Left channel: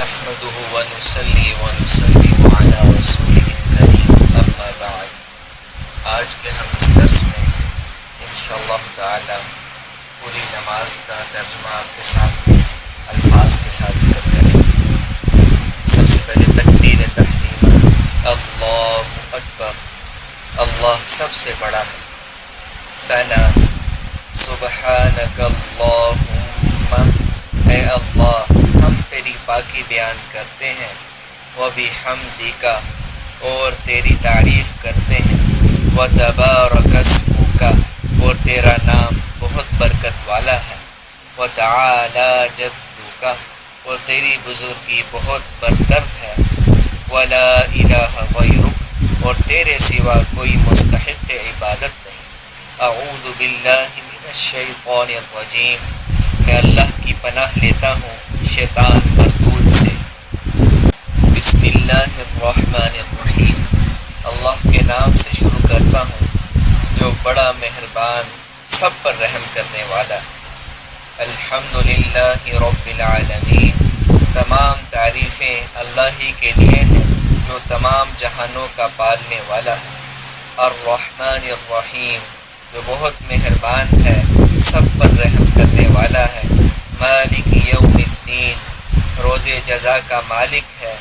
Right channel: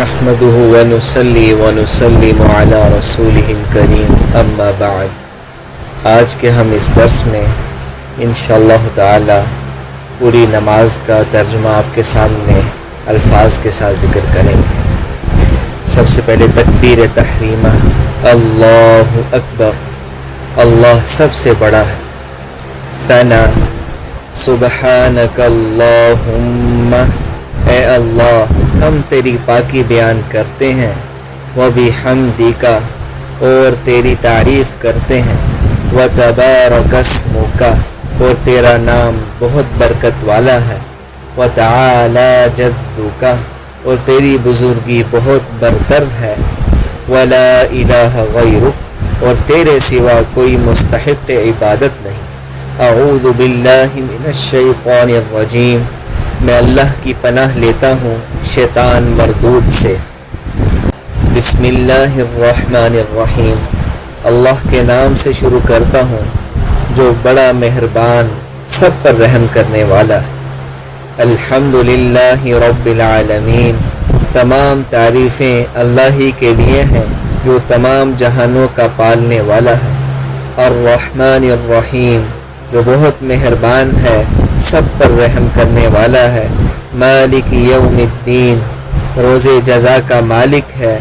نحمده ونصلي ونسلم على رسوله الكريم اما بعد۔ آج کے ہم اس درس میں انشاءاللہ تعالی پوری نماز کا ترجمہ آپ کے سامنے الفاظ کے ساتھ ذکر کریں گے۔ سب سے پہلے تکبیر تحریمہ، اللہ اکبر، اللہ سب سے بڑا ہے۔ ثنا، سبحانک اللہم، اے اللہ ہم تیری پاکی بیان کرتے ہیں، وبحمدک، اور تیری تعریف کرتے ہیں، وتبارک اسمک، اور تیرا نام بہت برکت والا ہے، وتعالی جدک، اور تیری بزرگی بہت برتر ہے، ولا الہ غیرک، اور تیرے سوا کوئی مستحق عبادت نہیں۔ اعوذ باللہ من الشیطان الرجیم، میں اللہ کی پناہ لیتا ہوں شیطان مردود سے۔ بسم اللہ الرحمن الرحیم، اللہ کے نام سے شروع کرتا ہوں جو بڑا مہربان سب پر رحم کرنے والا ہے۔ الحمدللہ رب العالمین، تمام تعریفیں اللہ ہی کے لیے ہیں جو تمام جہانوں کا پالنے والا ہے۔ الرحمن الرحیم، جو بہت مہربان ہے سب پر رحم کرنے والا ہے۔ مالک یوم الدین، روز جزا کا مالک ہے۔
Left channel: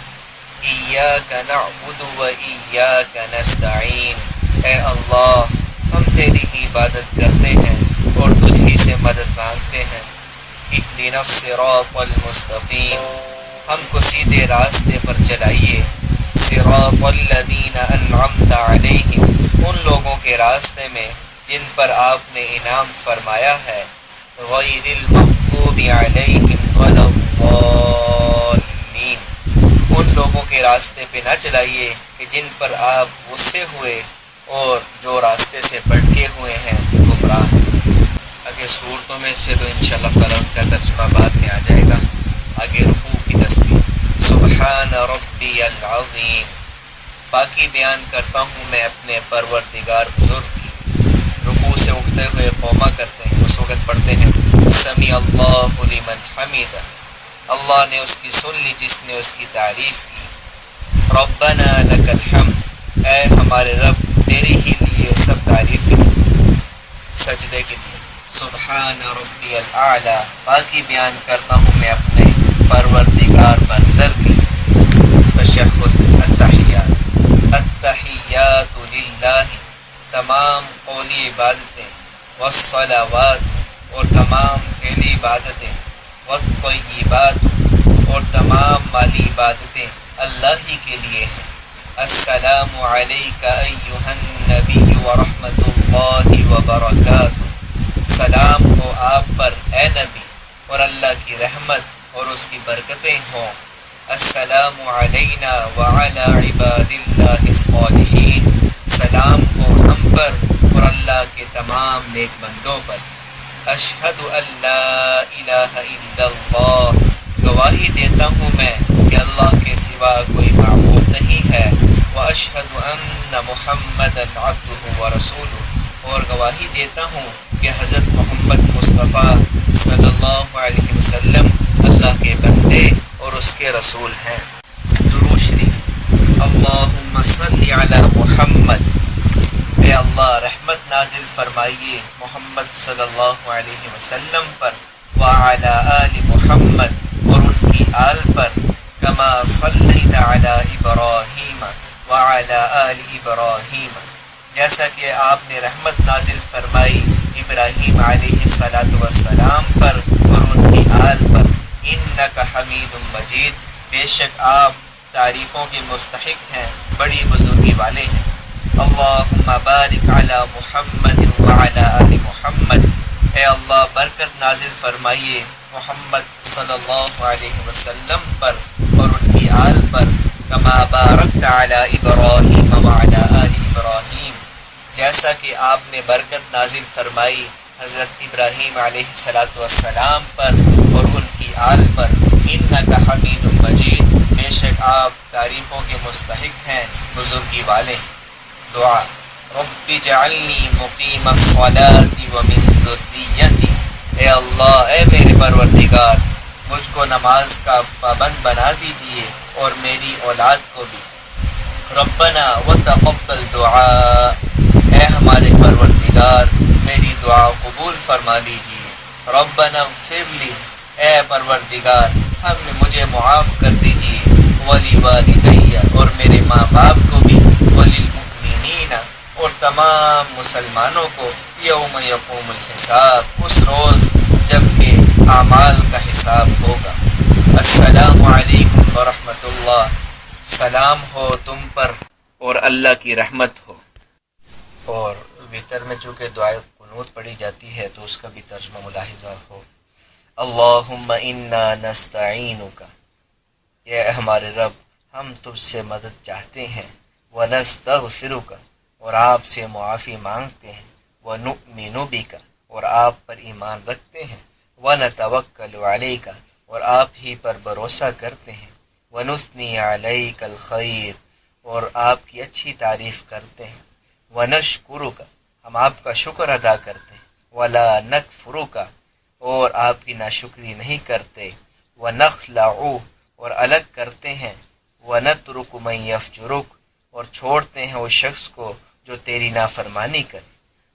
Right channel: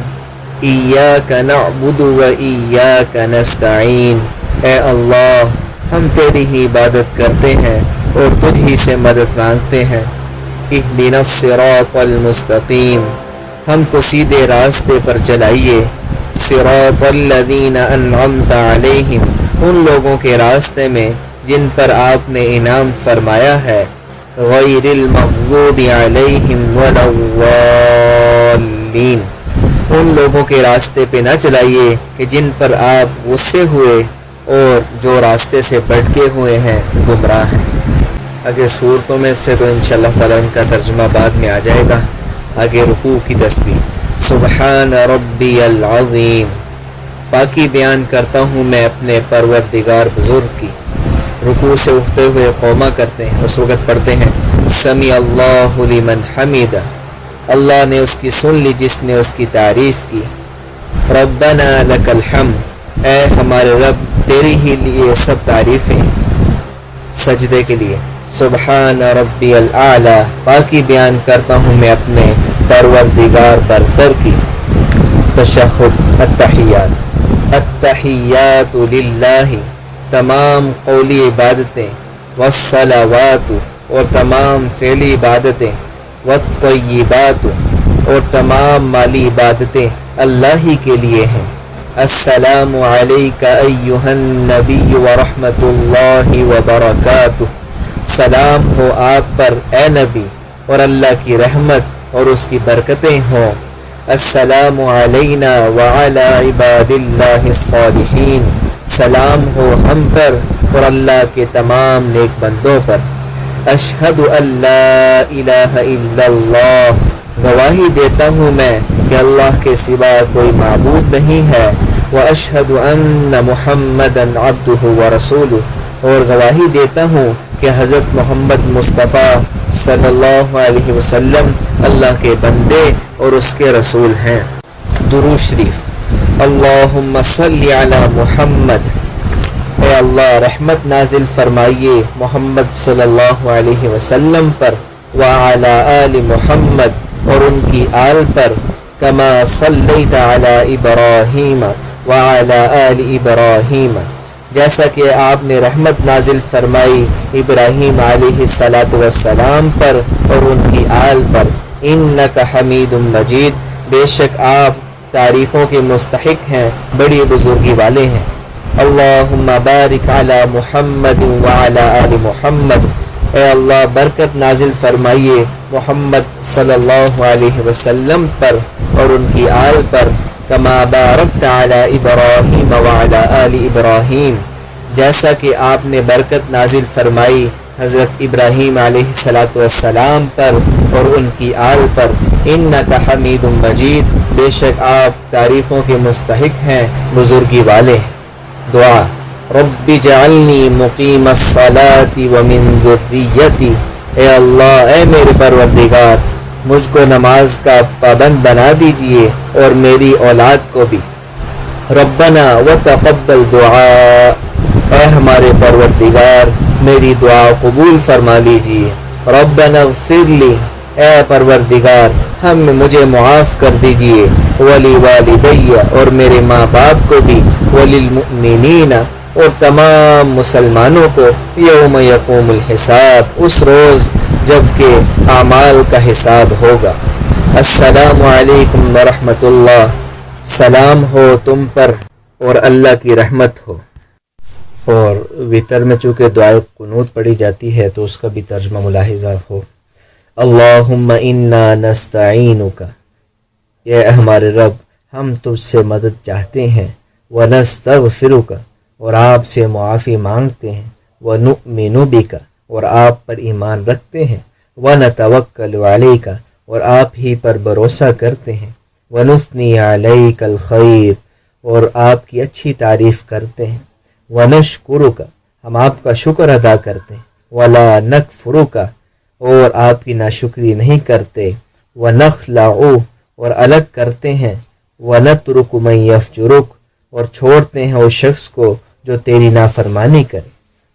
ایاک نعبد و ایاک نستعین، اے اللہ ہم تیری ہی عبادت کرتے ہیں اور تجھ ہی سے مدد مانگتے ہیں۔ اہدنا الصراط المستقیم، ہم کو سیدھے راستے پر چلائیے۔ صراط الذین انعمت علیہم، ان لوگوں کے راستے میں جن پر آپ نے انعام فرمایا ہے۔ غیر المغضوب علیہم ولا الضالین، ان لوگوں کے راستے پہ نہ چلائیے کہ جن پر آپ غصے ہوئے اور جو راستے سے بھٹکے ہوئے ہیں، گمراہ ہیں۔ آگے صورتوں میں سے تو انشاءاللہ تعالیٰ ان کا ترجمہ بعد میں آ جائے گا۔ آگے رکوع کی تسبیح، سبحان ربی العظیم، پاکی بیان کرتا ہوں میں اپنے پروردگار بزرگ کی۔ رکوع سے اٹھتے ہوئے قومہ کرتے ہیں، اس وقت پڑھتے ہیں سمیع اللہ لمن حمیدہ، اللہ نے اس کی سن لی جس نے اس کی تعریف کی۔ ربنا لک الحمد، اے ہمارے رب تیری ہی لیے سب تعریفیں، سجدے کے لیے۔ سبحان ربی الاعلی، پاکی بیان کرتا ہوں میں اپنے پروردگار برتر کی۔ تشہد، التحیات، التحیات للہ، تمام قولی عبادتیں، والصلوات، اور تمام فعلی عبادتیں، والطیبات، اور تمام مالی عبادتیں اللہ ہی کے لیے ہیں۔ السلام علیک ایہا النبی ورحمۃ اللہ وبرکاتہ، سلام ہو آپ پر اے نبی، اور اللہ کی رحمت اور اس کی برکتیں ہوں۔ السلام علینا وعلی عباد اللہ الصالحین، سلام ہو ہم پر اور اللہ کے تمام نیک بندوں پر۔ اشہد ان لا الہ الا اللہ، گواہی دیتا ہوں میں کہ اللہ کے سوا کوئی معبود نہیں ہے۔ واشہد ان محمدا عبدہ ورسولہ، اور گواہی دیتا ہوں کہ حضرت محمد مصطفیٰ صلی اللہ علیہ وسلم اللہ کے بندے اور اس کے رسول ہیں۔ درود شریف، اللہم صلی علی محمد، اے اللہ رحمت نازل فرمائیے محمد صلی اللہ علیہ وسلم پر، وعلی آل محمد، اور ان کی آل پر، کما صلیت علی ابراہیم وعلی آل ابراہیم، جیسا کہ آپ نے رحمت نازل فرمائی ابراہیم علیہ السلام پر اور ان کی آل پر۔ انک حمید مجید، بے شک آپ تعریفوں کے مستحق ہیں، بڑی بزرگی والے ہیں۔ اللہم بارک علی محمد وعلی آل محمد، اے اللہ برکت نازل فرمائیے محمد صلی اللہ علیہ وسلم پر اور ان کی آل پر، کما بارکت علی ابراہیم وعلی آل ابراہیم، جیسا کہ آپ نے برکت نازل فرمائی حضرت ابراہیم علیہ السلام پر اور ان کی آل پر۔ انک حمید مجید، بے شک آپ تعریفوں کے مستحق ہیں، بزرگی والے۔ دعا، رب اجعلنی مقیم الصلاۃ ومن ذریتی، اے اللہ اے میرے پروردگار مجھ کو نماز کا پابند بنا دیجئے اور میری اولاد کو بھی۔ ربنا وتقبل دعا، اے ہمارے پروردگار میری دعا قبول فرما لیجئے۔ ربنا اغفر لی، اے پروردگار مجھے معاف کر دیجئے۔ ولی والدی، اور میرے ماں باپ کو بھی۔ وللمؤمنین، اور تمام مسلمانوں کو۔ یوم یقوم الحساب، اس روز جب کہ اعمال کا حساب ہوگا۔ السلام علیکم ورحمۃ اللہ، سلام ہو تم پر اور اللہ کی رحمت ہو۔ اور وتر میں چونکہ دعائے قنوت پڑھی جاتی ہے تو اس کا بھی ترجمہ ملاحظہ ہو۔ اللہم انا نستعینک، اے ہمارے رب ہم تجھ سے مدد چاہتے ہیں۔ ونستغفرک، اور آپ سے معافی مانگتے ہیں۔ ونؤمن بک، اور آپ پر ایمان رکھتے ہیں۔ ونتوکل علیک، اور آپ ہی پر بھروسہ کرتے ہیں۔ ونثنی علیک الخیر، اور آپ کی اچھی تعریف کرتے ہیں۔ ونشکرک، ہم آپ کا شکر ادا کرتے ہیں۔ ولا نکفرک، اور آپ کی ناشکری نہیں کرتے۔ ونخلع، اور الگ کرتے ہیں۔ ونترک من یفجرک، اور چھوڑتے ہیں اس شخص کو جو تیری نافرمانی کرے۔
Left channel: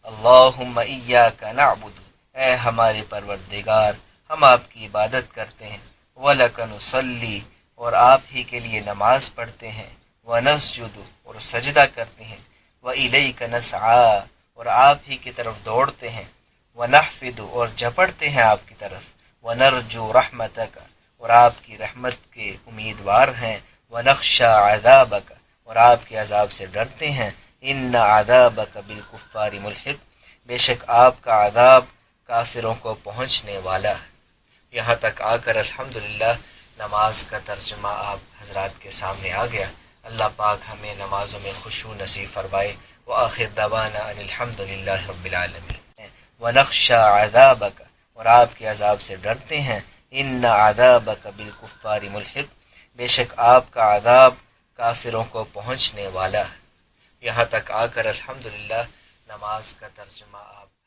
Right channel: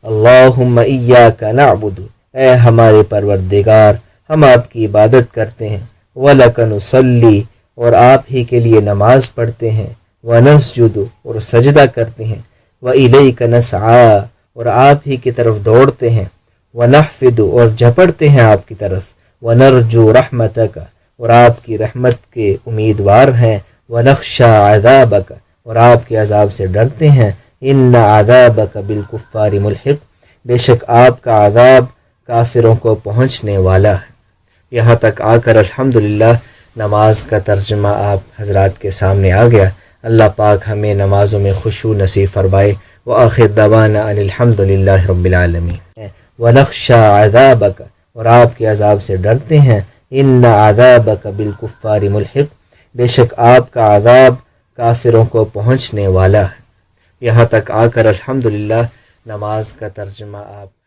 اللہم ایاک نعبد، اے ہمارے پروردگار ہم آپ کی عبادت کرتے ہیں۔ ولک نصلی، اور آپ ہی کے لیے نماز پڑھتے ہیں۔ ونسجد، اور سجدہ کرتے ہیں۔ وإلیک نسعی، اور آپ ہی کی طرف دوڑتے ہیں۔ ونحفد، اور جھپڑتے ہیں آپ کی طرف۔ ونرجو رحمتک، اور آپ کی رحمت کے امیدوار ہیں۔ ونخشى عذابک، اور آپ کے عذاب سے ڈرتے ہیں۔ ان عذابک بالکفار ملحق، بے شک آپ کا عذاب کافروں کو پہنچنے والا ہے۔ یہاں تک آ کر الحمدللہ نماز کا ترجمہ آپ حضرات کے سامنے آ گیا۔ اللہ پاک ہمیں نمازوں میں خشوع نصیب فرمائے۔ وآخر دعوانا ان الحمدللہ رب العالمین۔ ونخشى عذابک، اور آپ کے عذاب سے ڈرتے ہیں۔ ان عذابک بالکفار ملحق، بے شک آپ کا عذاب کافروں کو پہنچنے والا ہے۔ یہاں تک آ کر الحمدللہ نماز کا ترجمہ آپ